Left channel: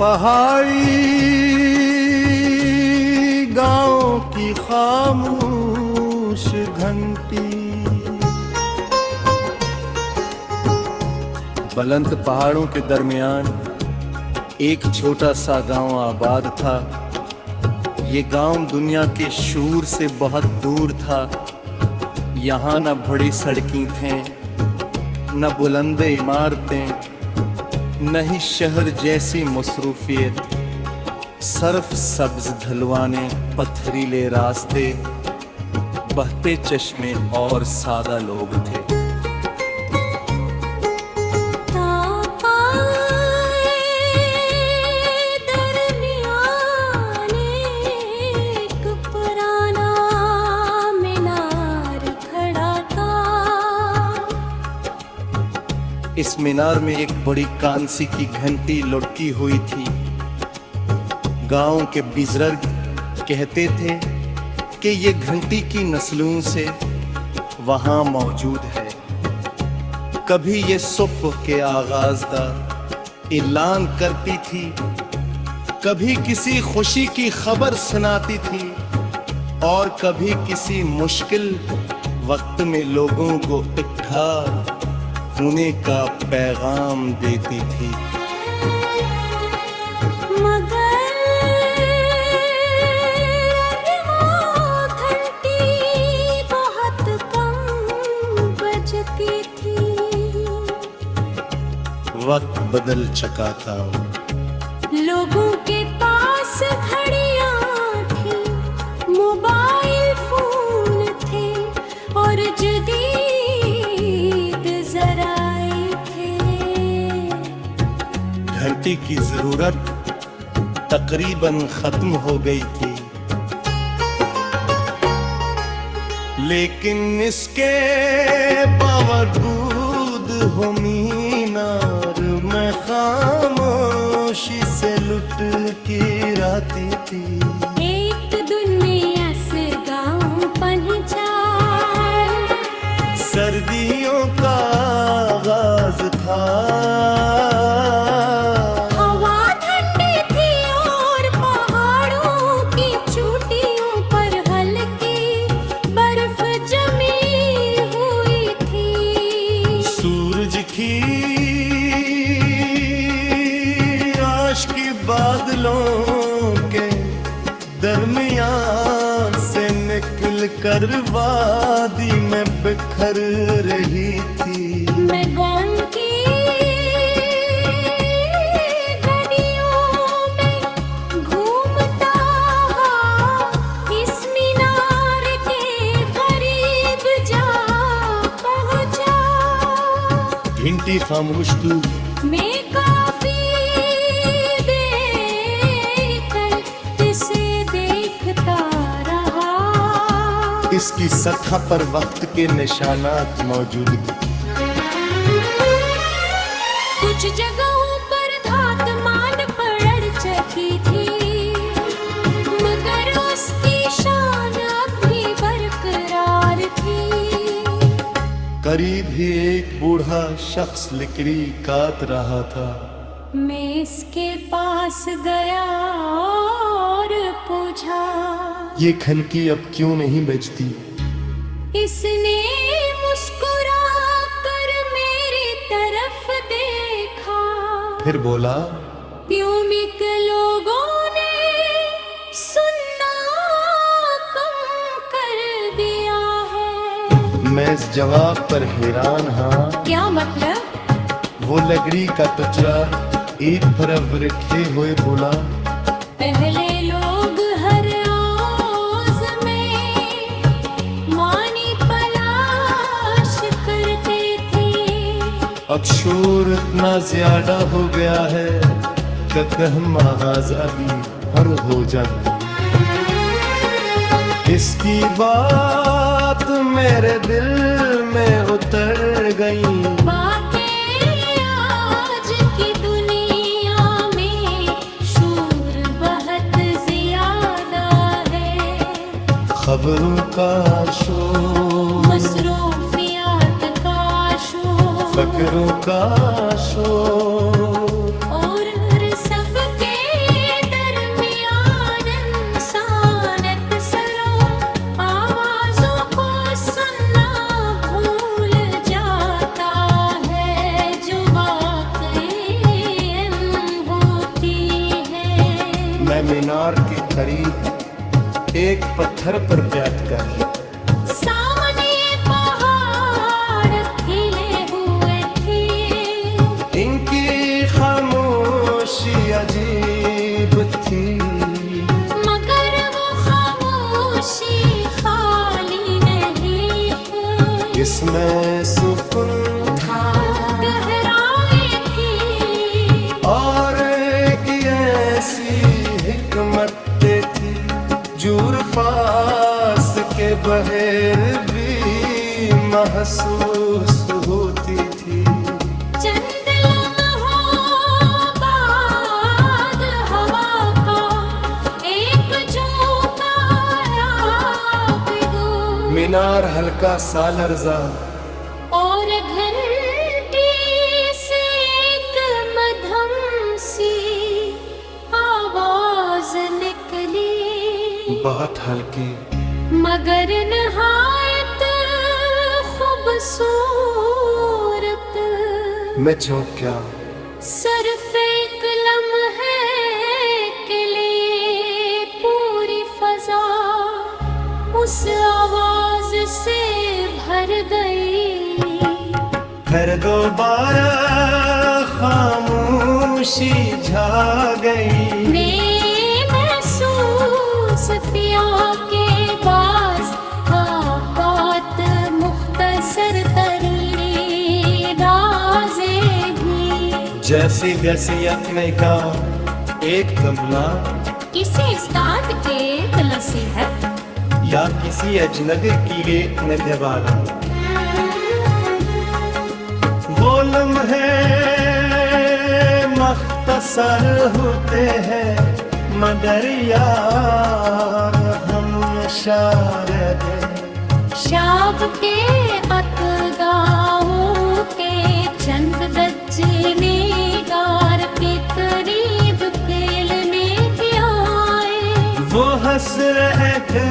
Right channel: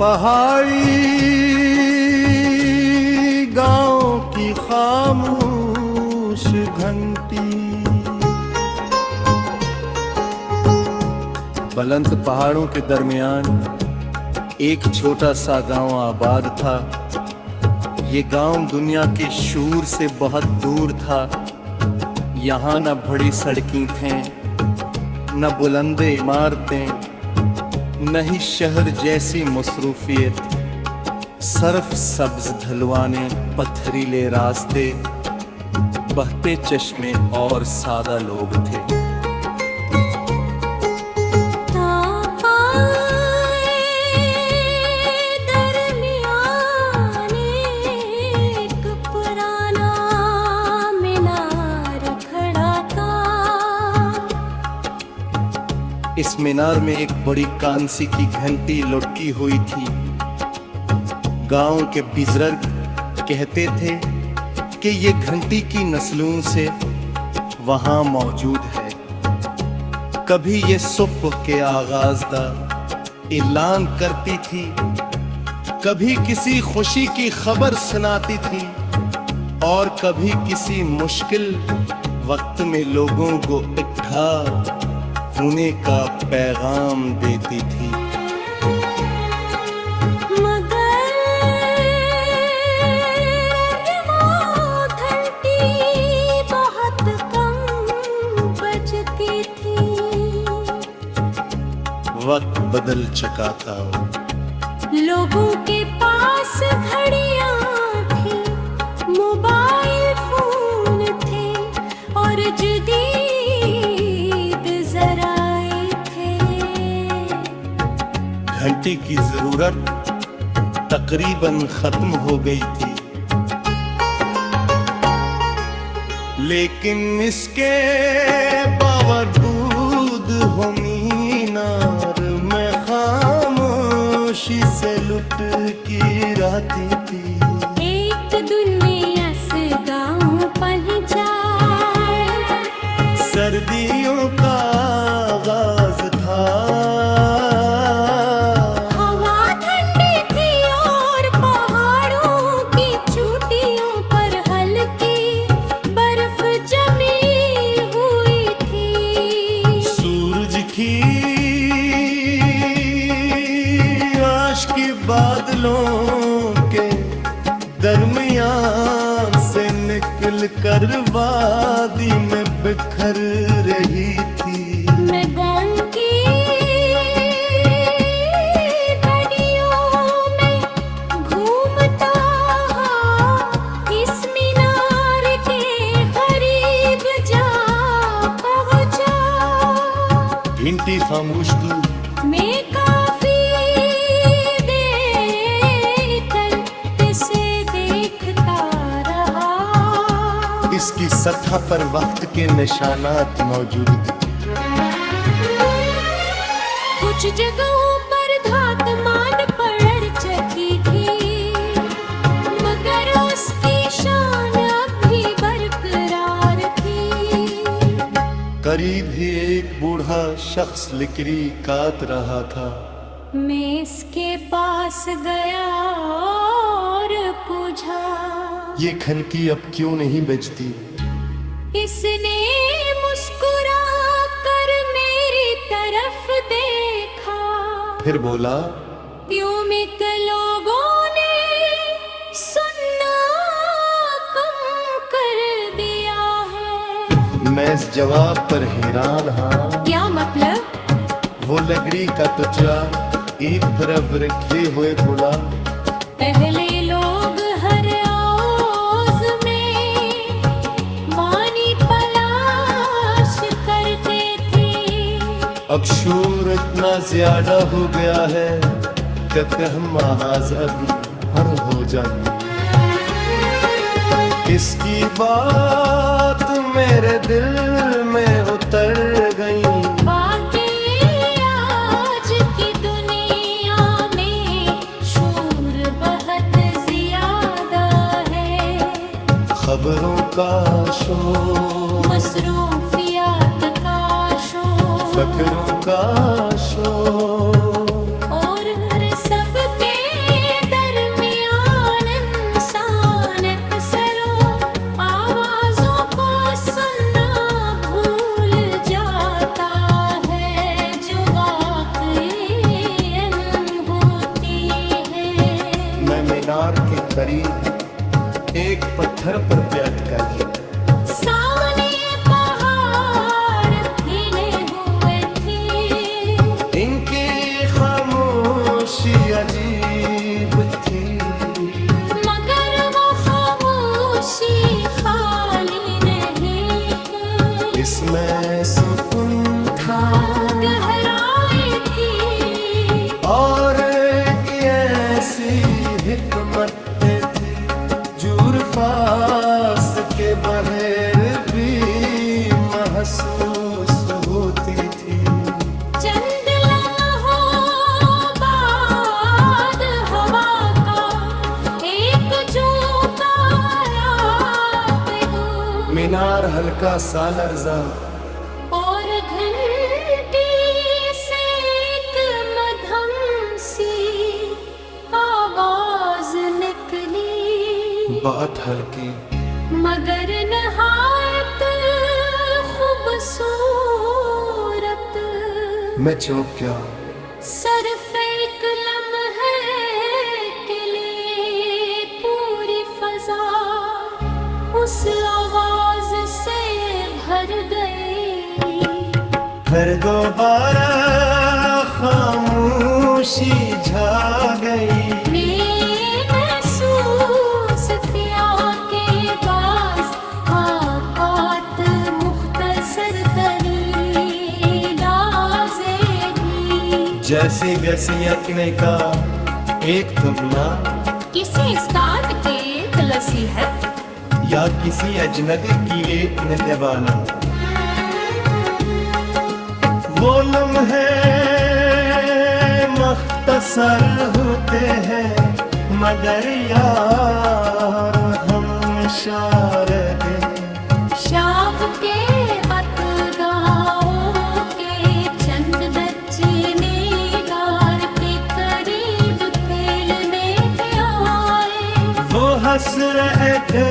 पहाड़ी गांव की खामोश घंटी। बुलंद पहाड़ों के दरमियान एक छोटा सा गांव आबाद था। ये गांव दुनिया के शूर से बहुत दूर था। यहाँ न बड़ी सड़कें थे, न बुलंद इमारतें, न ही शहर जैसी मसरूफियत। सर्फ सब्ज ढलवाने, पथरीले रास्ते, बहते चश्मे और सादा लोग थे। इस मीनार में एक बड़ी कांसी की घंटी लुढ़की हुई थी। गांव के बुजुर्ग कहते थे कि ये घंटी की नस्लों से वहां मौजूद है। कभी ये सुबह के आगाज का ऐलान करती थी, कभी किसी खुशी की खबर सुनाती थी और कभी किसी मुश्किल वक्त में लोगों को इकट्ठा होने का पैगाम देती थी। मगर वो घंटी बहुत कम बजती थी। वक्त बदल चुका था। लोगों के पास घड़ियां थी, मोबाइल फोन थे और जदीद जराए थे। घंटी की जरूरत तकरीबन खत्म हो गई थी, लेकिन इसके बावजूद हो मीनार में खामोशी से लुट की रहती थी। एक दिन में अस गाँव पहुंचा, सर्दियों का आगाज था। हवा ठंडी थी और पहाड़ों की चोटियों पर हल्की बर्फ जमी हुई थी। सूरज की आश की बादलों के दरमियान से निकल कर वादी में बिखर रही थी। मैं गाँव की गलियों में घूमता इस मीनार के करीब जा पहुंचा। घंटी खामोश थी। मैं काफी देर तक इसे देखता रहा। इसकी सतह पर वक्त के निशानात मौजूद थे। कुछ जगहों पर धात मान पड़ चुकी थी, मगर उसकी शान अब भी बरकरार थी। करीब ही एक बूढ़ा शख्स लकड़ी काट रहा था। मैं इसके पास गया और पूछा, ये खनकी अब क्यों नहीं बजती? इसने मुस्कुरा कर मेरी तरफ देखा। फिर बोला, प्यूमिक लोगों ने सुनना कम कर दिया है। मैं इस जवाब पर हैरान हाँ। क्या मतलब? वो लकड़ी का टुकड़ा एक तरफ रखे हुए बोला, पहले लोग हर आवाज में मानी तलाश करते थे। अब शोर इतना ज्यादा हो गया है कि हम आजादी हर हो जाएंगे। इसकी बात मेरे दिल में उतर गई। आज की दुनिया में शोर बहुत ज्यादा है। खबरों का शोर, मसरूफियात का शोर, फकरों का शोर, और सबके मैं मीनार के करीब एक पत्थर पर बैठ गया। सामने पहाड़ खिले हुए थे, इनकी खामोशी अजीब थी, मगर वो खामोशी खाली नहीं है। इसमें सुकून था, गहराई थी, और ऐसी हिकमतें थी जुर्फास के बहर भी महसूस होती थी। चंद लम्हों बाद हवा का एक झोंका आया बेदो, मीनार हल्का सा लर्जा, और घंटी से एक मध्यम सी आवाज निकली, बहुत हल्की मगर नहायत खूबसूरत। मैं चौंक गया। सिर्फ एक लम्हे के लिए पूरी फजा उस आवाज से भर गई। फिर दोबारा खामोशी छा गई। मैं महसूस किया के बाज बात मुख्तसर तरीने राज़े भी, जैसे वसीयत ने का एक तमना किसी स्टार्ट के तलसी है या किसी अजनबी की एक नजवाना। वो लम्हे मख्तसर होते हैं मगर यार हम शारदे। शाब के अतगाओं के चंद बच्चे मेगार के करीब खेलने आए। वो हंस रहे थे